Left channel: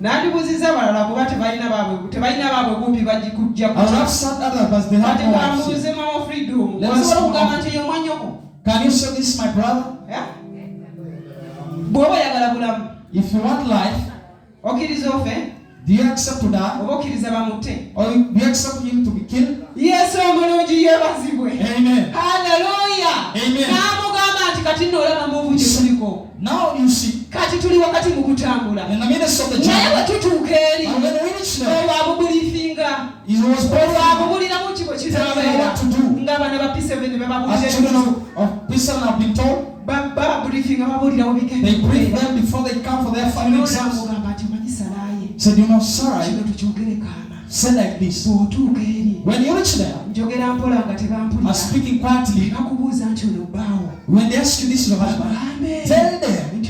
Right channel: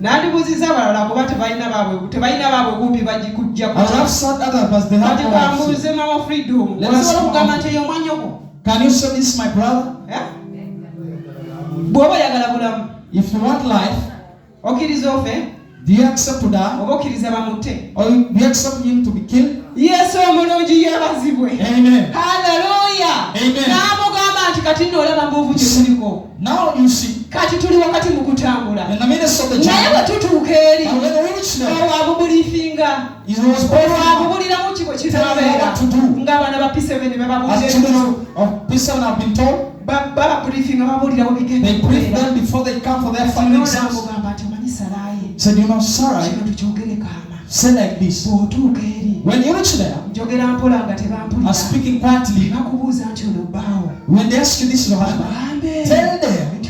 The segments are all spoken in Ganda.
Nandibuziza abalala kuba tebalina baabwe kumpi bagikujja I will have said others, but they have no bambuuze Mama Freedom. Osobola okugamba nti eyo mwanyoko. Can you say this is my brother? Bw'oba oyagala bulamu. If you want life, okkiriza ofe? do you accept to die? Oba okkiriza bamutte? Or do you accept him to be killed? Yesu omulungi yeebazibwe. Amen. Hallelujah. Amen. N'amugamba nti kati nno olaba mbuvu gye tuliko. Now you see. Kati tuli wakati mu kutambula. In the midst of the journey. Naye bwe tutuuka eri. Olwabubulifinga. Olwabubuliramu ki bwe kitambera. Ng'abaana ba P7 be babuulira. As children of P7 have been told. Babulifinga babuulirawo bigenda. They brief them before they come for their family exams. Said, you know, Sarah, say like this. When you reach there, are speaking quietly. When they ask you, this is your husband, tell them,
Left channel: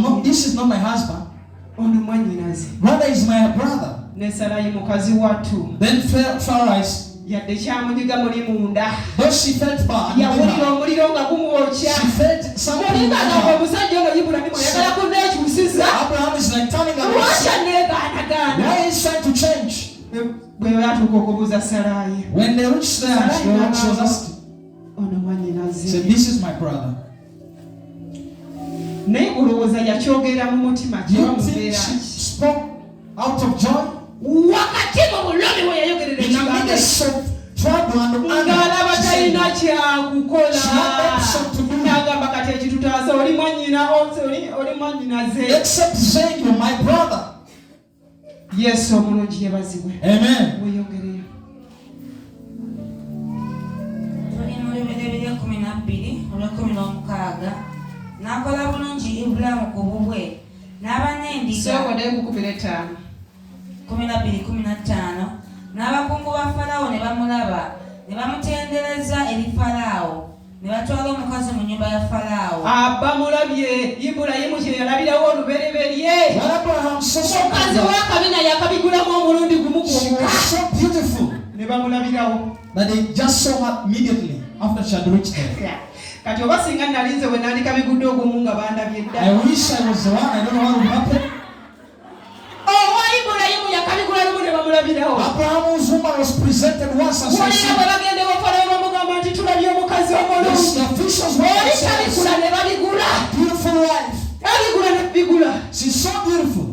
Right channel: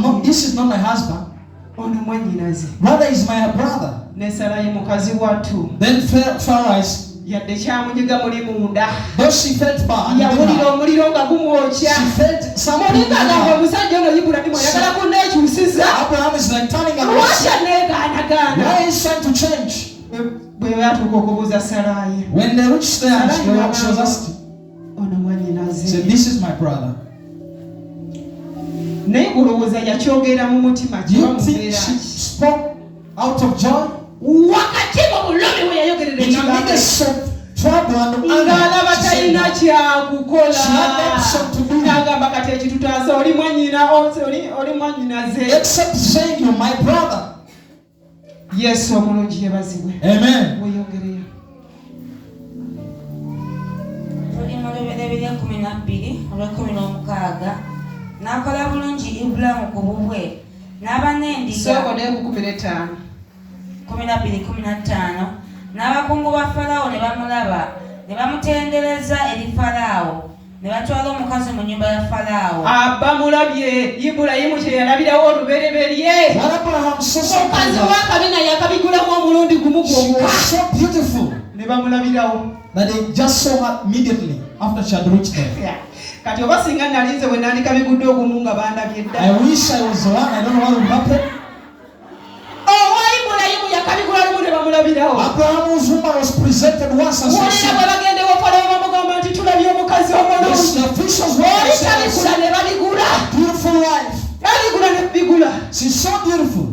no, this is not my husband. Brother is my brother. Then Pharaoh is, though she felt bad, she felt something. Abraham is like turning around. Why is trying to change? When they reached there, she was asked, said, this is my brother. You think she spoke out of joy? In the midst of trouble and anger, she had option to do except saying, you're my brother. Yes, Amen. Nakola bulungi Ibulamu ku bubwe n'abanendiga 12:15 n'abakungu ba Falaawo ne bamulaba ne bamutendereza eri Falaawo ne batwala omukazi mu nnyumba ya Falaawo. Bamulabye Ibulayimu kye yalabirawo olubereberye. Omukazi w'akabina yakabigulamu omulundi gumu gwokka. So beautiful. Ne bamulabirawo. That they just saw her immediately after she had reached there. Kati oba singa nalinze we nandika bigudde ogumu nga bandabye dda. I wish I was the one. I don't know what would happen. Ibulayimu yakabigula lumu ne bamulabirawo. Abraham's woman was presented once and so she bagende Falaawo bamugamba nti tulabye omukazi omulungi. the officials were Kabigula ne babigula. beautiful wife. Kabigula ne bigula. She's so beautiful.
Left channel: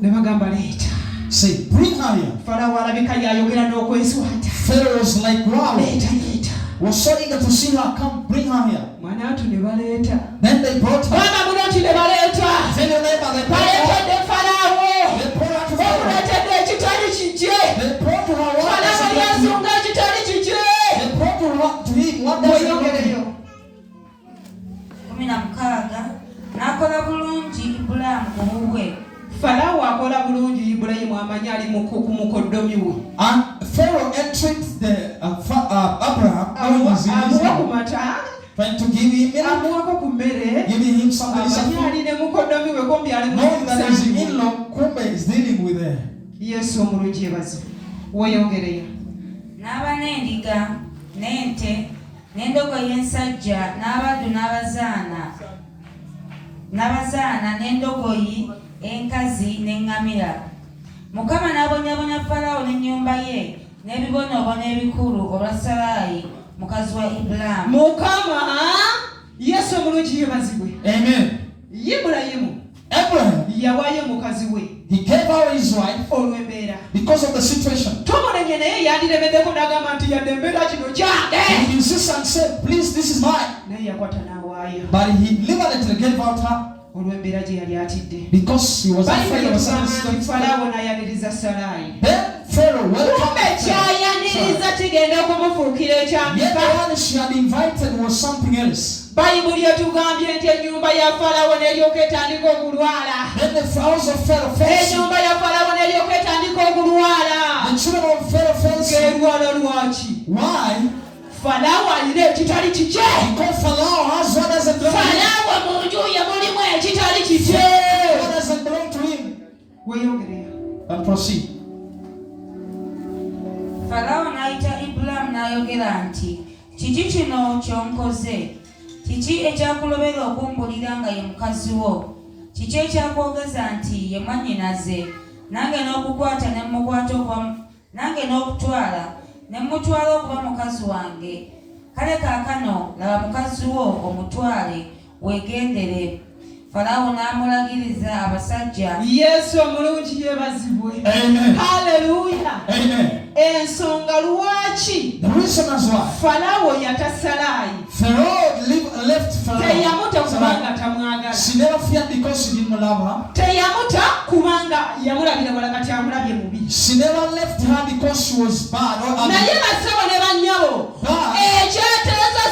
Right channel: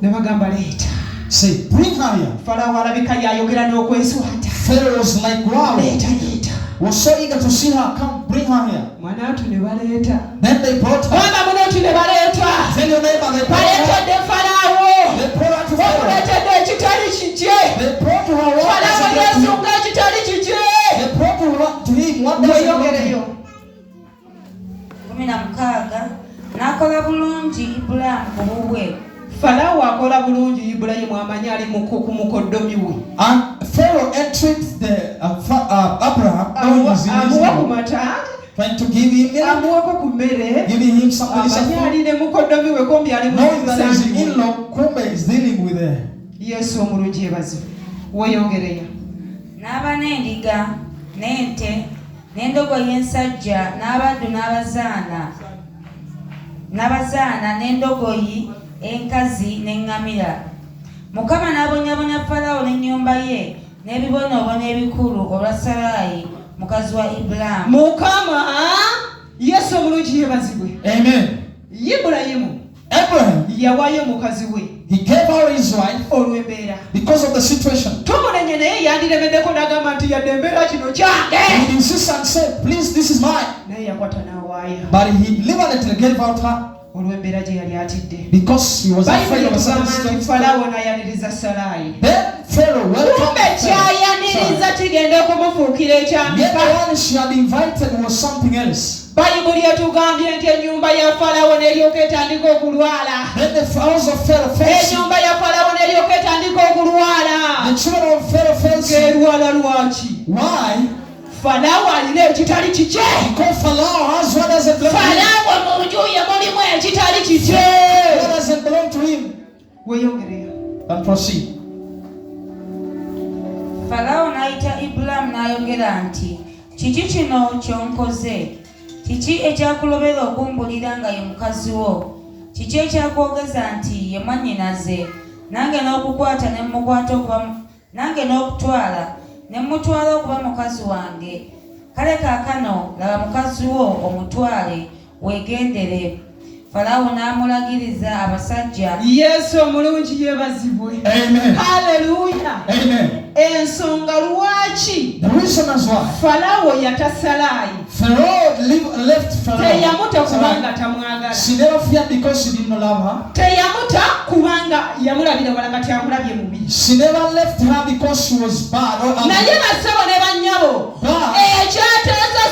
Ne bagamba leeta. Say, bring her here. Falaawo alabika yayogera n'okweswata. Pharaoh was like, wow. Leeta. Was so eager to see her. Come, bring her here. Mwanatu ne baleeta. Then they brought her. Baba munoti ne baleeta. Tell your neighbor they brought her. Baleetedde Falaawo. They brought her to Pharaoh. Bamuleetedde ekitali kikye. They brought to her what Falaawo yesunga ekitali kikye. They brought to him what does he want? 16 n'akola bulungi Ibulamu ku bubwe. Falaawo akola bulungi Ibulayimu amanyi ali mu mukoddomi we. And Pharaoh entreated Abraham, amuwa ku mata, trying to give him giving him something. Knowing that his in-law Kumbe is dealing with her. Yesu omulungi ebazo. Weyongereyo. N'abanendiga n'ente n'endogoyi ensajja n'abaddu n'abazaana n'endogoyi enkazi n'eŋŋamira. Mukama n'abonyabonya Falaawo n'ennyumba ye n'ebibonoobono ebikulu olwa Salaayi mukazi wa Ibulamu. Mukama Yesu omulungi yebazibwe. Amen. Ibulayimu Abraham yawaayo mukazi we. He gave out his wife olw'embeera. Because of the situation. Tumulenye naye yandiremeddeko n'agamba nti yadde embeera kino kyange. He insisted and said, please, this is mine. Naye yakwata n'awaayo. But he deliberately gave out her. Olw'embeera gye yali atidde. Because he was afraid of something. Falaawo n'ayaniriza Salaayi. Then Pharaoh welcomed her. Kyayaniriza kigenda okumufuukira ekyambika. Yet the one she had invited was something else. Bayibuli etugambye nti ennyumba ya Falaawo n'eryoka etandika okulwala. Then the house of Pharaoh fell sick. Ennyumba ya Falaawo n'eryoka etandika okulwala. The children of Pharaoh fell sick. Erwala lwaki? Why? Falaawo alina ekitali kikye. Because Pharaoh has what doesn't belong to him. Falaawo mu nju ye mulimu ekitali kikye. What doesn't belong to him. Weyongereyo. And proceed. Falaawo n'ayita Ibulamu n'ayogera nti, kiki kino ky'onkoze? Kiki ekyakulobera okumbulira nga ye mukazi wo? Kiki ekyakwogeza nti ye mwannyinaze? Nange n'okukwata ne mukwata okuba nange n'okutwala ne mutwala okuba mukazi wange. Kale kaakano laba mukazi wo omutwale weegendere. Falaawo n'amulagiriza abasajja. Yesu omulungi yeebazibwe. Amen. Haleluya. Amen. Ensonga lwaki The reason is why Falaawo yatasalaayi. Pharaoh left Pharaoh. Teyamuta kubanga tamwagala. She never feared because she didn't love her. Teyamuta kubanga yamulabira wala kati amulabye mubi. She never left her because she was bad or ugly. Naye basabo ne bannyabo. Ekyateeza